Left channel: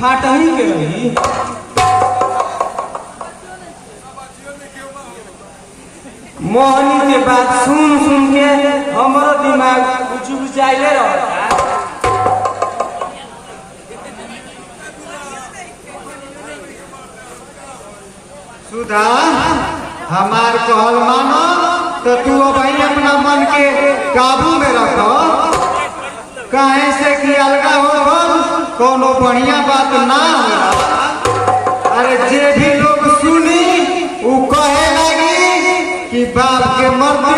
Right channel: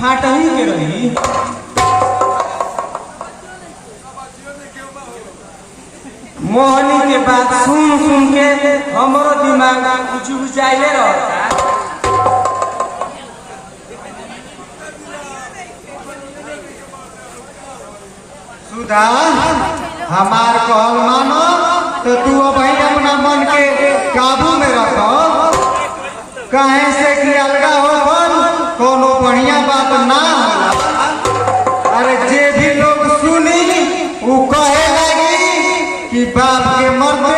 फाटही के रही। मोहनी के बात सुन सुन के हमारा दिमाग कुछ बुझाइले रहता। सुधा हमार कहल मानो तो तू अब अपना मन के काबू में रखो। कहे से कि अलगा हो कोनो बढ़िया बात ना होला। अरे जे भी लोग सुनी वो कहे लगी कि बाप के मरते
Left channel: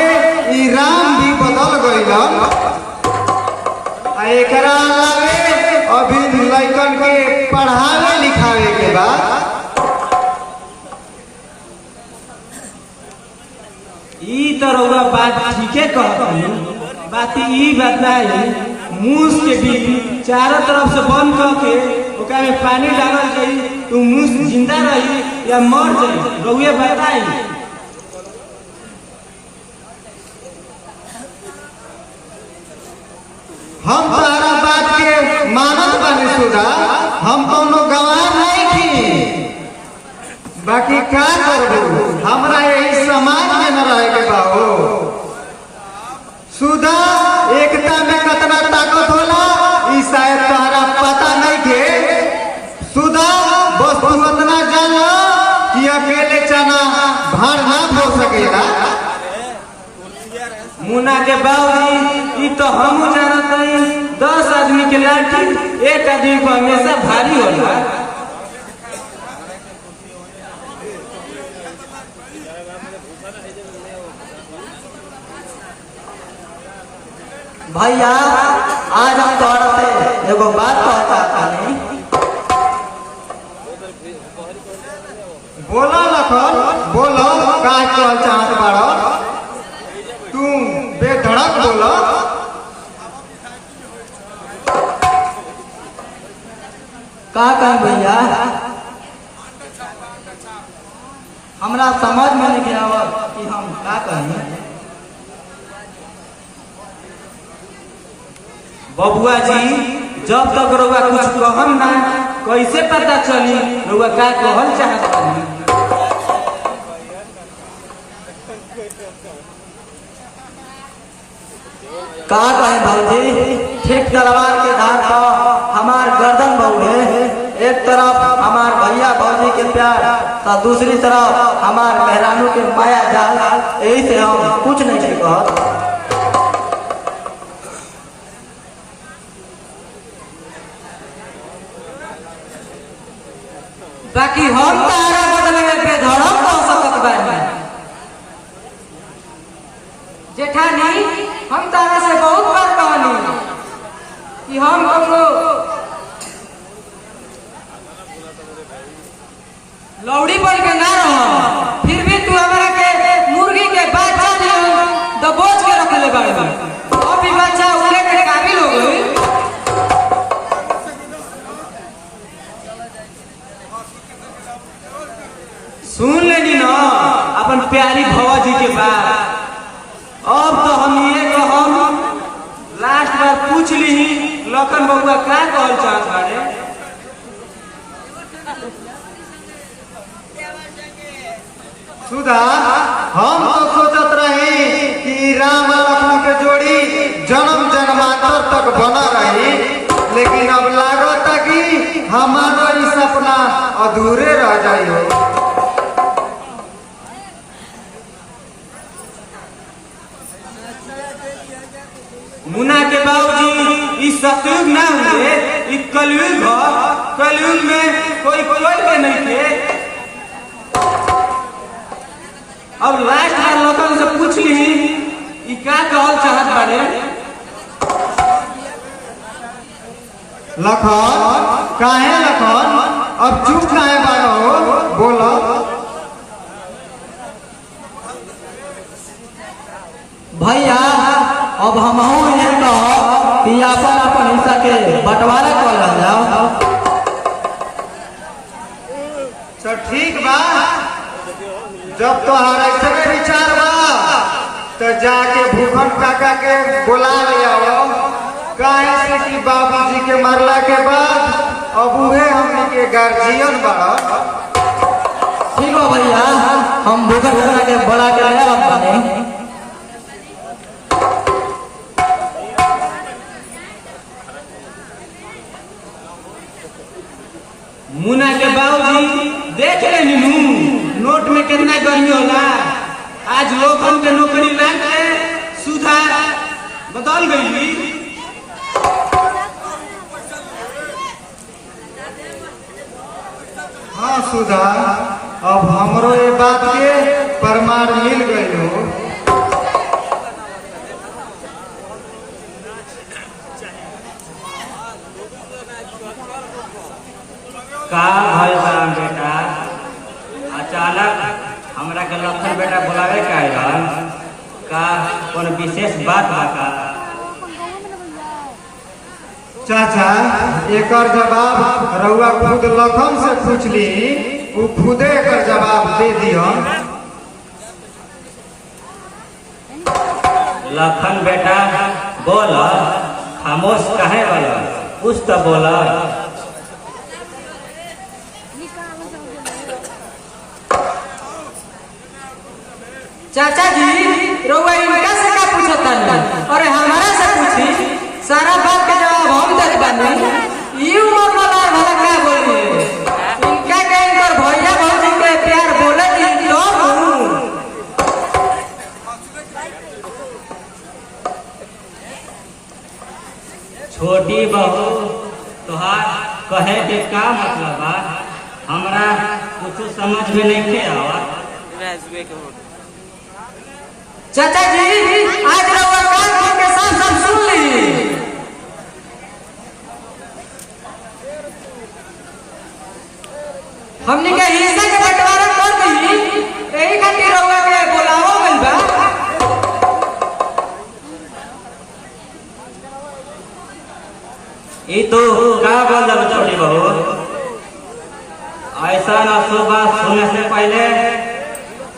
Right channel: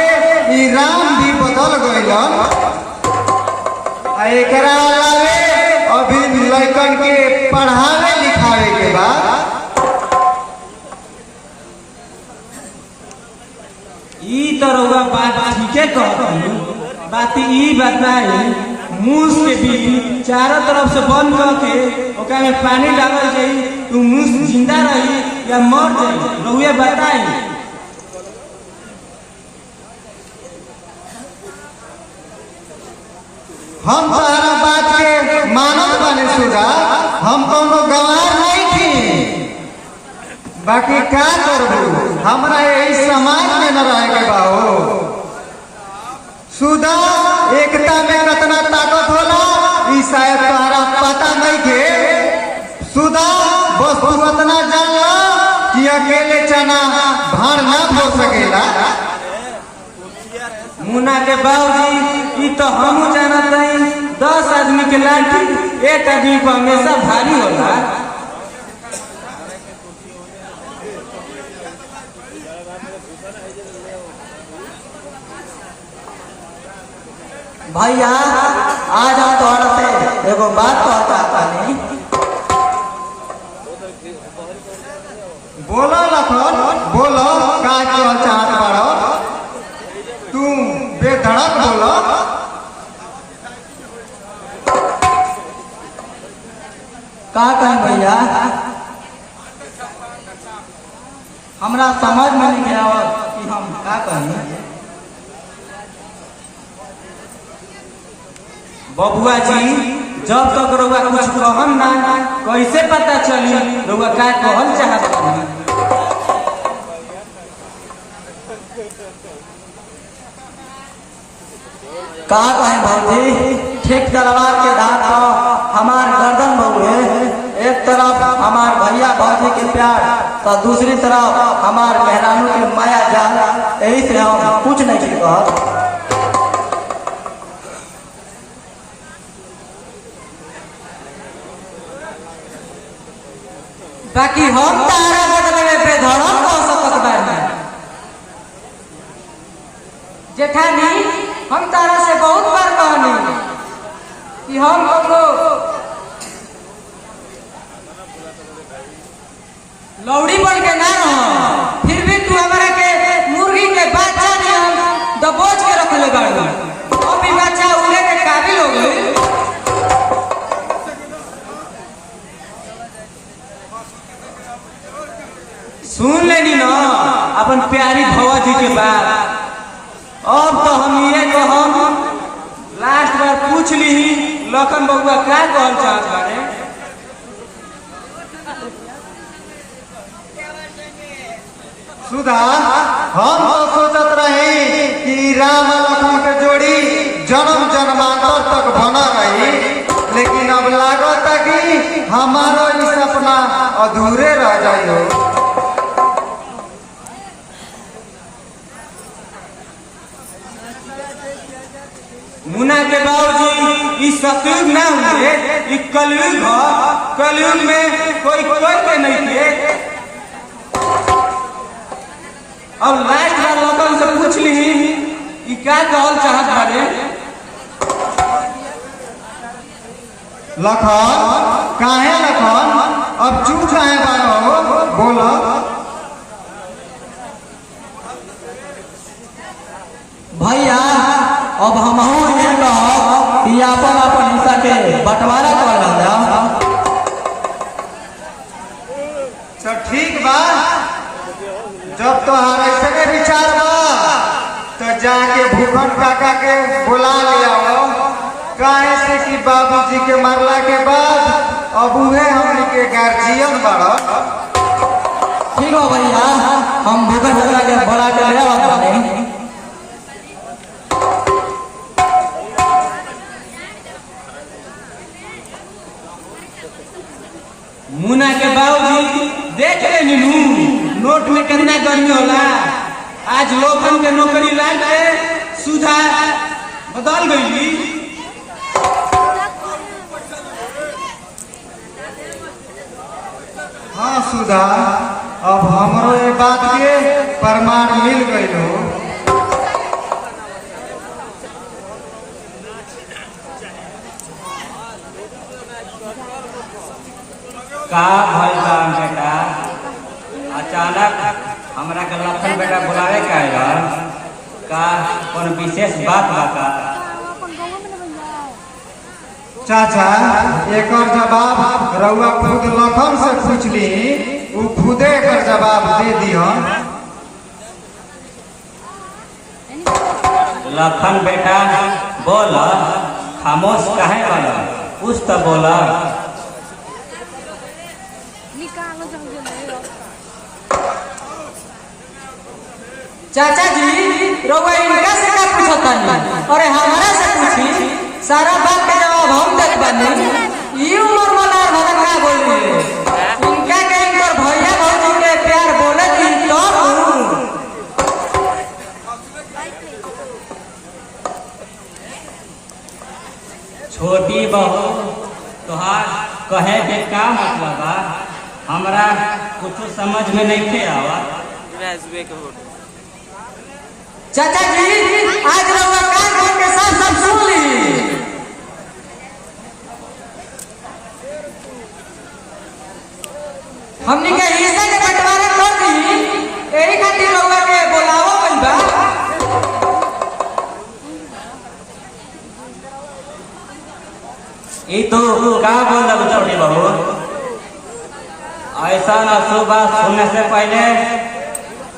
ई राम भी बदल गईल। एकरा अलावे अभी लड़कन के पढ़ावे लिखावे के बाद ई तरह बात ठीके कहती। बात ई बताई मूस के भी चारों तरफ से बंद करके ओकरा में पानी डालल जाई तो मूस जिंदा रही या मर जाई रहुए बताई। हम सारा बात के मानत बानी सुधा। हम कोनो गवाह नहीं थी। बाकी का करबू हमरा यही समाज में न रहे के बाहो। सुधा एकता में कितना ताकत होला ई शायद तहरा पता नहीं के। सुधा बस तू उतना जान कि अकेले चना भार ना फोड़ सकेला। मुन्ना के बाबूजी ई तो हम जानत नहीं 10 आदमी के लाठी एक आदमी को हमेशा भारी होला। भैया आज हम तोहरा से एगो बात कहता नहीं। बोलो लखन बोलो का कहल चाहत बाड़ो। तू बेधड़क बोलो। का कहें भैया हमरा समझ में नहीं आवत कि हम का कहें। बबुआ जी जब तक रउआ कुछ कहम ना कैसे पता चली रउआ का कहल चाहत बानी। का कहें भाई ठीक तलवार के धार पर हमार गर्दन बहुए। एक तरफ हमार भैया भाजी के प्यार तो दूसरी तरफ हमार मेहरानों के माया जाल। यही से हम कुछ नहीं कहत। बाकी हम तारा बदले में बेधड़क कह सकत बानी। जेठानी हम तारा से बहुत बार कहनी कि हम कोनो लौड़ी बन के ना रह। फिर भी तू हमरा के मुर्गी के बच्चा नहीं दबोच के रखले बाड़ी। अभी बच्चा उड़े के काबिल हो गई। सुन लेनी ना अपन प्यारी भवा जी के बात। अब तो हम ये कहम लास्ट बार पूछ ली लखन बबुआ क्या कहल चाहत बाड़े। सुधा हम तो सोचत रही कि राम और लक्ष्मण के जोड़ी जन्म जन्मांतर तक बना रही। लेकिन अब लागत कि हमारा ये सपना अधूरे रह जाए। मुन्ना के बाबूजी इस सतयुग ना हुए ई कलयुग हो। कलयुग में कोई के नहीं थे। अब लास्ट बार लोगन से पूछ ली ई क्या कहल चाहत बाड़े। लखन काहे लखन अब चुप काहे बाड़ो बोलो। भैया अब हम कि अपन हिस्सा के बंटवारा कर जाओ। तो ठीक बा जब तो ऐसे विचार बा तो जाके भूखन काका के बुला लिया। काहे से कि बाबूजी के मरला के बाद अब उहे हम गार्जियन बड़ा। ठीक हो भैया, हम भूखा भूखा के बड़ा के ले आता नहीं। मुन्ना के बाबूजी देख ले नोट में कितना गर्मी होला। आज लोगन के नौकरी लाइन के सुधा बदल गई। हाँ सुधा, अब हमरो ये बात के प्रमाण मिल गई हो। का भल बा बेटा, अचानक हमरा के लखन बेटा बुलावे का आइल का कौन विशेष बात बा का? चाचा, एकर जवाब रउआ खुद लखन से पूछली, उ खुदे एकर जवाब दे दिया। लखन बेटा बोल, खामोश कहे वाला कुछ तो बोला। चाचा जी, रउआ इनका से का पूछता है? अरे हमरा से पूछी, सारा बात का जवाब हम दे बानी। ये उम्र वाला हमरा क्या बोल रहे हैं? इनका के इनकर भैया भाभी के प्यार बोले दी तो छोटी बहू, तुहार कहे के का मतलब बा? हमरा कुछ समझ में नहीं के आवा। चाचा जी, आज रउआ का घर के सब सुन ली। हमने के हिस्सा के बंटवारा कर दी, यही खातिर रउआ के बुलावा गइल बा। ये तो का बोल रहा छोटी बहू? ऐसा ना सुबह सुनने से पहले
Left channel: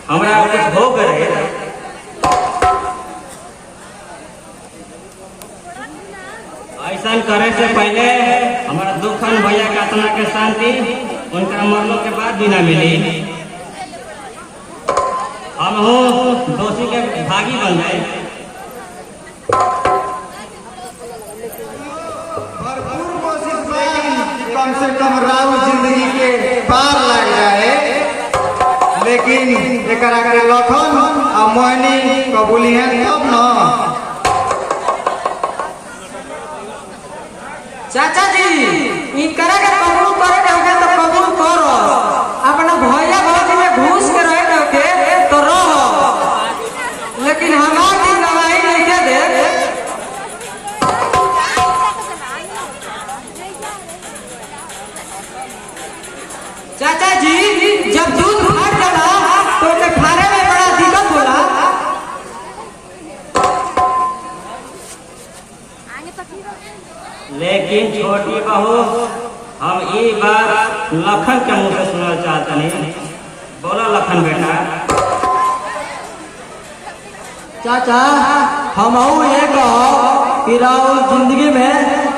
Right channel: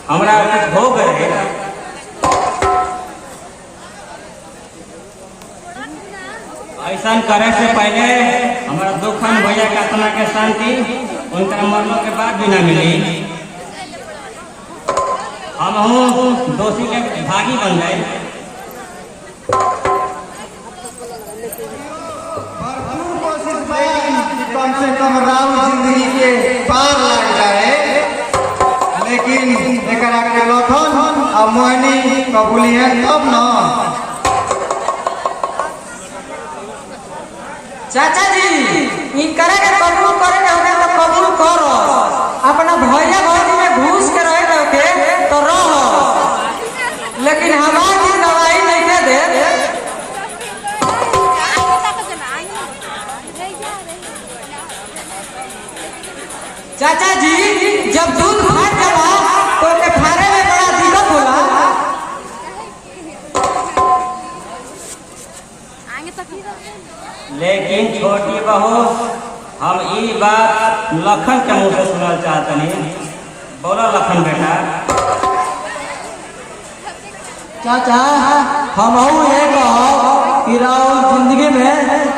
हमरा कुछ हो गए। ऐसा करे से पहले हमारा दुखन भैया का आत्मा के शांति उनका मरने के बाद भी न मिली। हम दोषी के भागी बन गए। भरपूर कोशिश करी कि कम से कम राव जिंदगी के पार लग जाए, लेकिन एकरा के लखन और मोहनी कबूली है तब ना। चाचा जी, इनकरा के कबूल करे के तो कबूल करो। अपने भैया भाभी में घुस के रहे के तो रहो, लेकिन हमार की गवाही नहीं दे दे। चाचा जी, जब दूध फट जाला तो उसे खाने में बड़ा दिक्कत होला। लेकिन छोटी बहू, हम ये बात लखन के मुंह से सुनना चाहते नहीं। बोलो लखन बेटा। चाचा, हम ये कहो कि राहुल जिंदगी में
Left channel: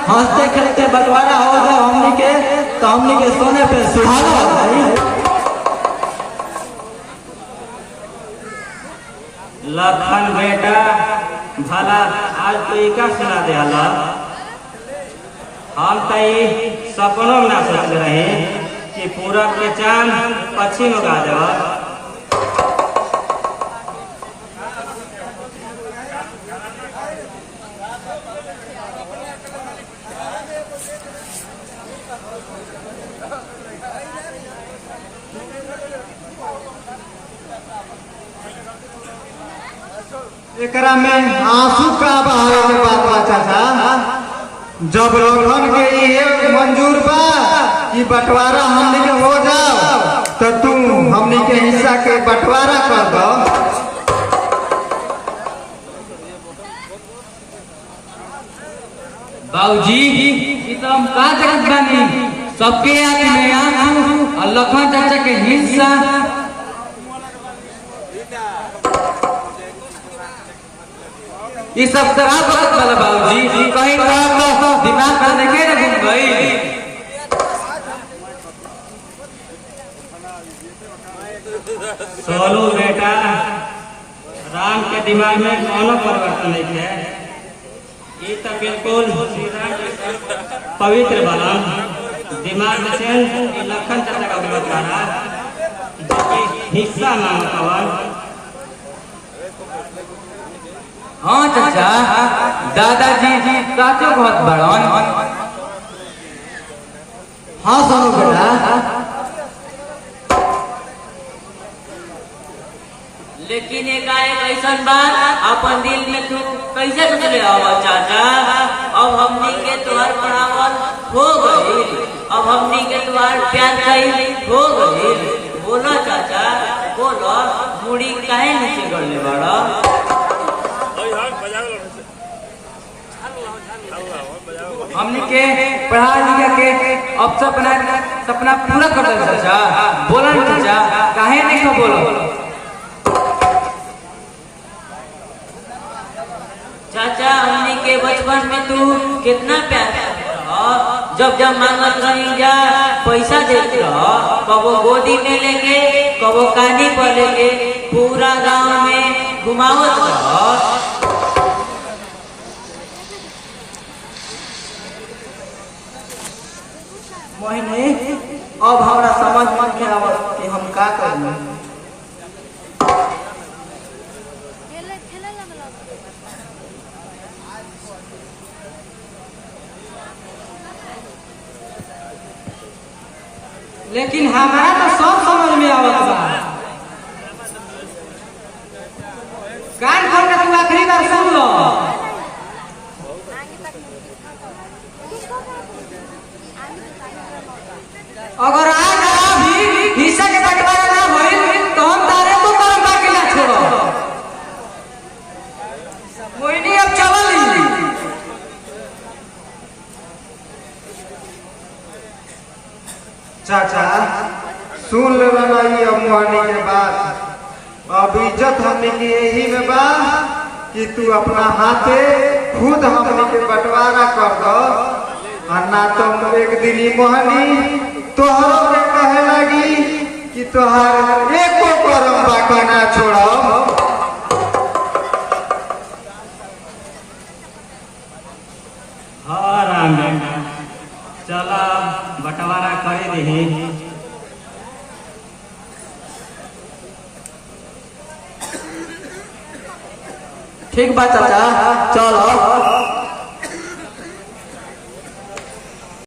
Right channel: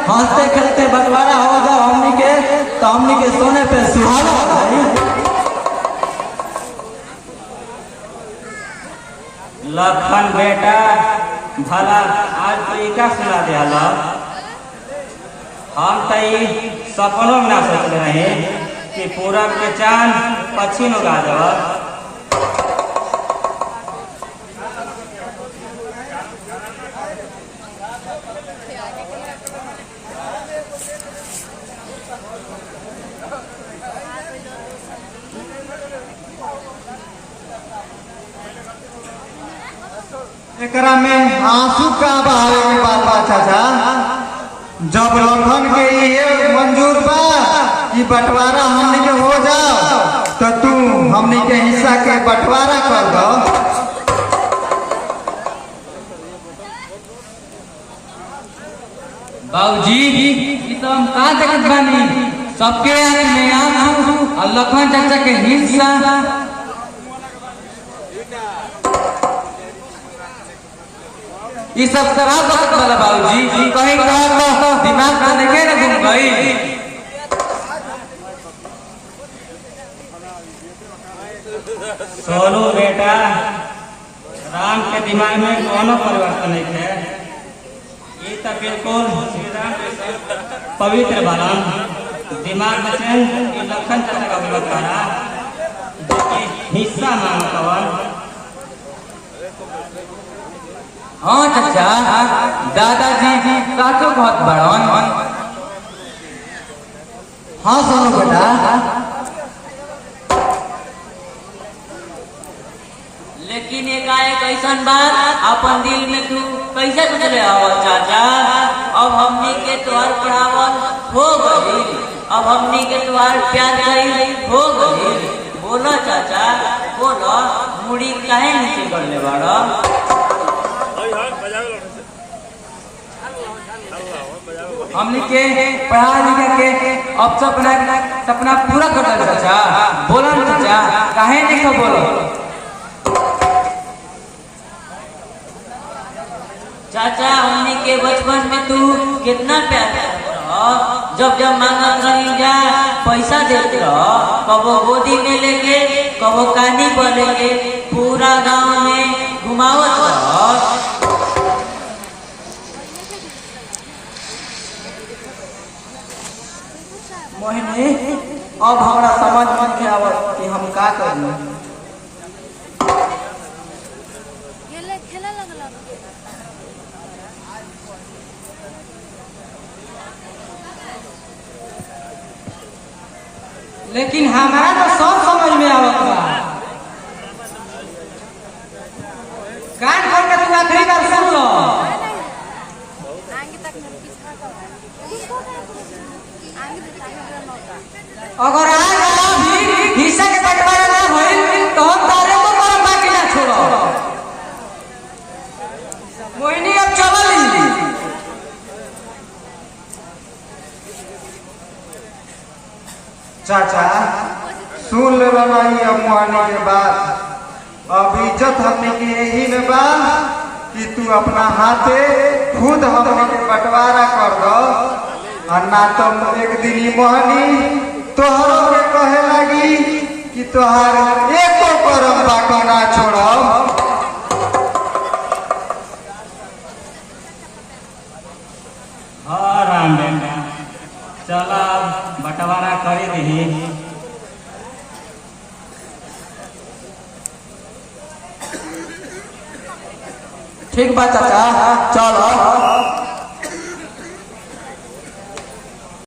हंसते खेलते बंटवारा होगा हमनी के, तो हमनी के सोने पे सुहागा भाई। लखन बेटा, भला आज तो ये क्या सुना दे अल्लाह? हम तो ये सपनों में ना सोचते रहे कि पूरब के चांद पश्चिम उगा देगा। एकरा में आंसू का बहावे के बात बा चाचा। जब लखन के ये मंजूर बा कि बंटवारा हमनी के हो जाओ, तो तू हमनी के हिस्सा के बंटवारा कर दो। बाबूजी, ई तो हम का देखत बानी, सबके आंख में आंसू और लखन चाचा के हिस्सा। ये सब तरह बात वाला बाबूजी, कहीं काम दिमाग करने के ना घूम गई। सोनू बेटा, राम के दिमाग में कोनो परिवर्तन नहीं है। ये तो बिल्कुल सीधा पवित्र बना दिमाग में से ये लखन चाचा का बोलत रहा हिस्सा ना पवन। हाँ चाचा, दादाजी काटे बहुत बड़ा। हाँ सोनू बेटा, लेकिन एकाएक ऐसन बात अपन दिल में तू कैसे चले आओ चाचा। अब हमनी के तुहार पढ़ावल हो गई, अब हमनी के तुहार प्यार कई हो गई। बोलो चाचा बोलो, मुड़ी काहे नीचे करने वाला। हमने के पढ़ा लिखा के अब सपना पूरा कर दे चाचा। बोला ना चाचा, काहे नहीं को बोलो। चाचा हमनी के बचपन में तू कितना प्यार करता, जब मांगत रही जा पैसा देते हो, कबो गोदी में लेके कबो कानी पर लेके पूरा गांव में घुमावत रहो। मोहिनी, अब हमारा समझ में क्या आवत कि हम का करें। लेकिन हमारा तो सब समझ में आवत बा। कान खोल के तू आखिरी बार सुन लो। अगर आज भी हिस्सा के बंटवारा ना होई तो हम तारे को करम बाकी ना छोड़ो। मोहिनी अब चल ली। चाचा सुन ले ये अब मोहनी के बात। अब इज्जत हमने की यही में बा कि तू अपना हाथे खुद हमने के बंटवारा कर दो, और ना तो एक दिन ही मोहनी तोहरों के कहे लगी कि तोहार एको करम बाका ना छोड़ो। हाँ राम बेटा, चला बंटवारा करे दही। ठीक बात चाचा, चलो।